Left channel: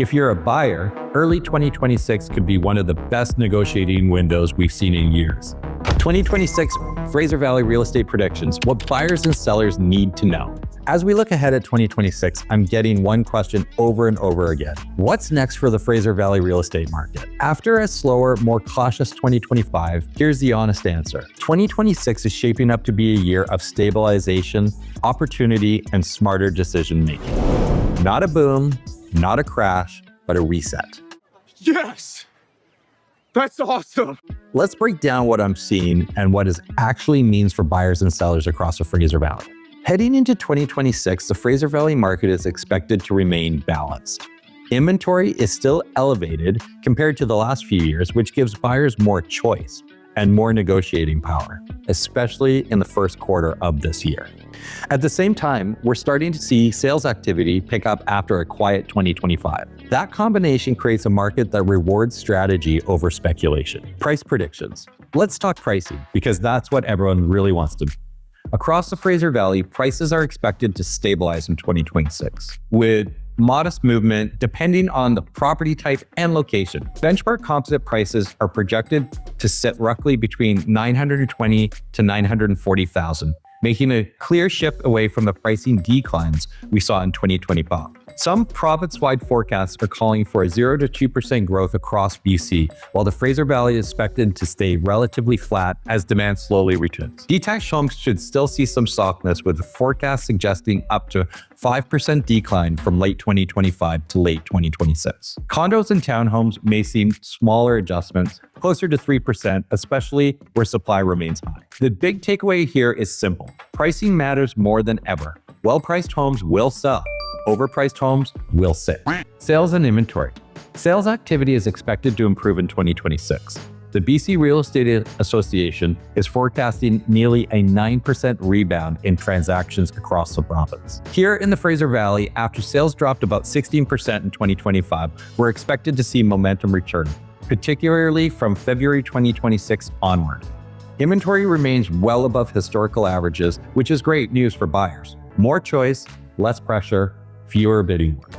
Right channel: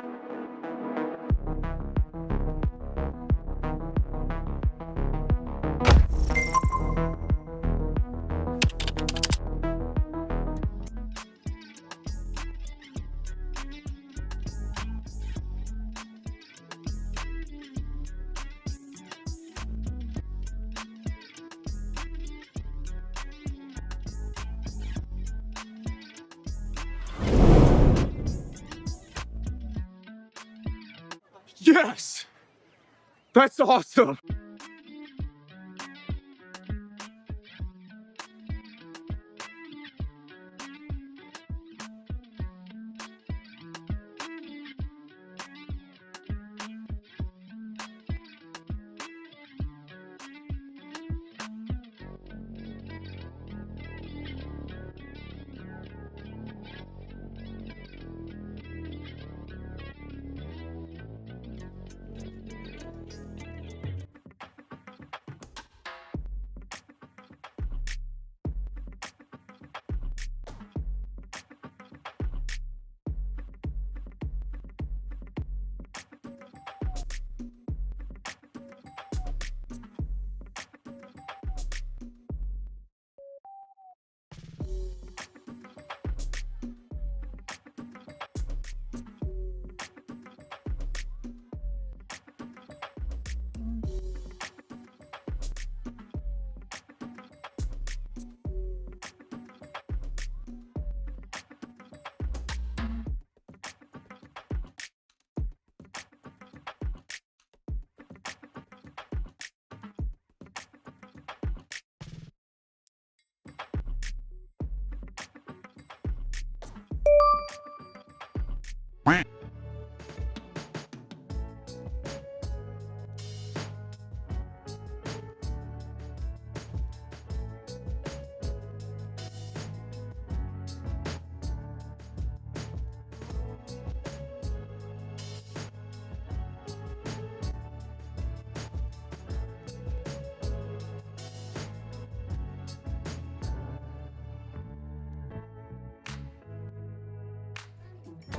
If you're a buyer, early 2026 could be one of the best negotiating windows we've seen in years. 2026 Fraser Valley real estate predictions, what buyers and sellers need to know. As we look ahead at 2026, I'm getting one question over and over again. What's next for the Fraser Valley real estate market? After a slower, more cautious 2025, here's the honest answer. 2026 is shaping up to be a year of stabilization, opportunity, and smarter decision making. Not a boom, not a crash, but a reset. Yes! That's awesome! Let's break down what I'm seeing and what it actually means for buyers and sellers across the Fraser Valley. Heading into 2026, the Fraser Valley market is expected to remain balanced. Inventory is still elevated compared to the last few years, which gives buyers more choice and more negotiating power, especially in the first quarter of this year. At the same time, we're starting to see sales activity pick up after a quiet 2025. That combination creates a market that rewards strategy over speculation. Price predictions. Let's talk pricing, because that's what everyone really wants to do. Across the Fraser Valley, prices are expected to stabilize in 2026, with modest movement depending on the property type and location. Benchmark composite prices are projected to sit roughly between $920,000 to $940,000, making a clear shift away from the pricing declines we saw in 2025. Some province-wide forecasts are calling for a 0 to 2% growth across BC, while the Fraser Valley is expected to stay relatively flat as demand slowly returns. Detached homes should still see some softness, with the forecast suggesting up to 5% decline from late 2025 to late 2026. Condos and townhomes may see smaller adjustments, closer to 3%, especially where supply remains high. The big takeaway here is simple. Pricing matters more than ever. Well-priced homes will sell. Overpriced homes will sit. Sales and inventory. Sales activity is expected to improve in 2026. The BC Real Estate Association is forecasting nearly a 9% rebound in transactions across the province. Here in the Fraser Valley, after sales dropped about 16% in 2025, we're expected to see momentum return, particularly from February 2026 onward. Inventory remains well above historical averages, which is great news for buyers. More choice, less pressure, fewer bidding wars.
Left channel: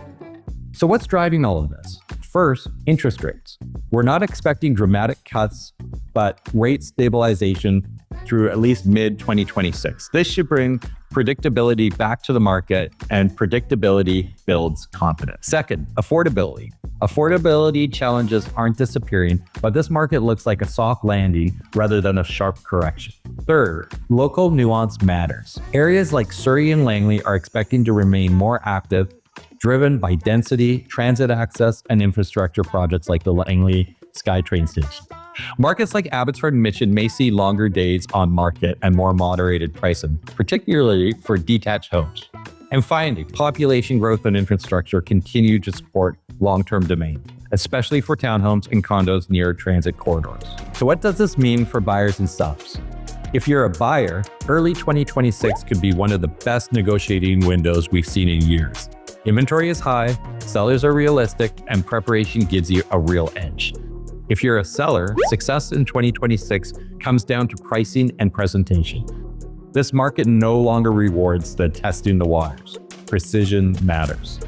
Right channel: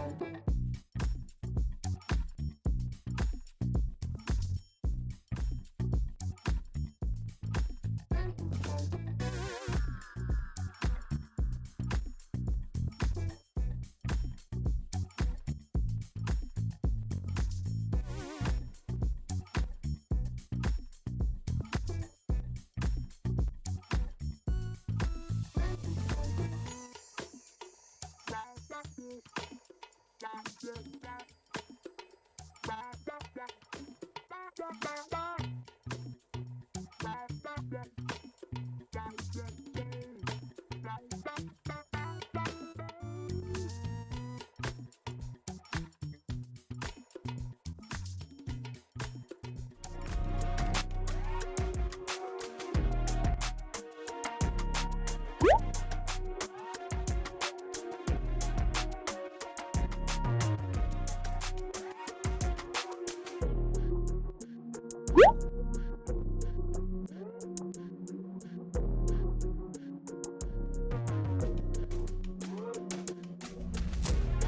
So what's driving all of this? First, interest rates. We're not expecting dramatic cuts, but rate stabilization through at least mid-2026. This should bring predictability back to the market, and predictability builds confidence. Second, affordability. Affordability challenges aren't disappearing, but this market looks like a soft landing rather than a sharp correction. Third, local nuance matters. Areas like Surrey and Langley are expecting to remain more active, driven by density, transit access, and infrastructure projects like the Langley SkyTrain station. Markets like Abbotsford and Mission may see longer days on market and more moderated pricing, particularly for detached homes. And finally, population growth and infrastructure continue to support long-term demand, especially for townhomes and condos near transit corridors. So what does this mean for buyers and sellers? If you're a buyer, early 2026 could be one of the best negotiating windows we've seen in years. Inventory is high, sellers are realistic, and preparation gives you a real edge. If you're a seller, success in 2026 comes down to pricing and presentation. This market no longer rewards the testing the waters. Precision matters.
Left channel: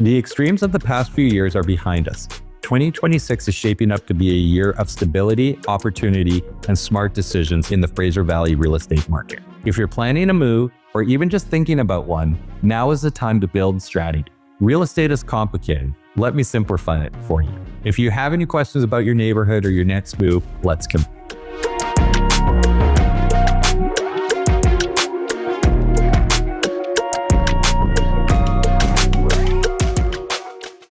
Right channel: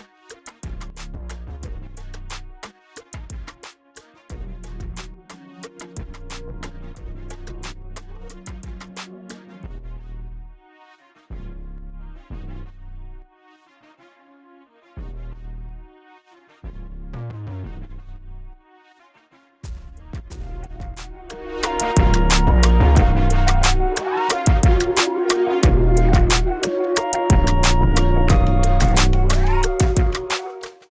The extremes of the past few years are behind us. 2026 is shaping up to be a year of stability, opportunity, and smart decisions in the Fraser Valley real estate market. If you're planning a move, or even just thinking about one, now is the time to build strategy. Real estate is complicated. Let me simplify it for you. If you have any questions about your neighborhood or your next move, let's connect.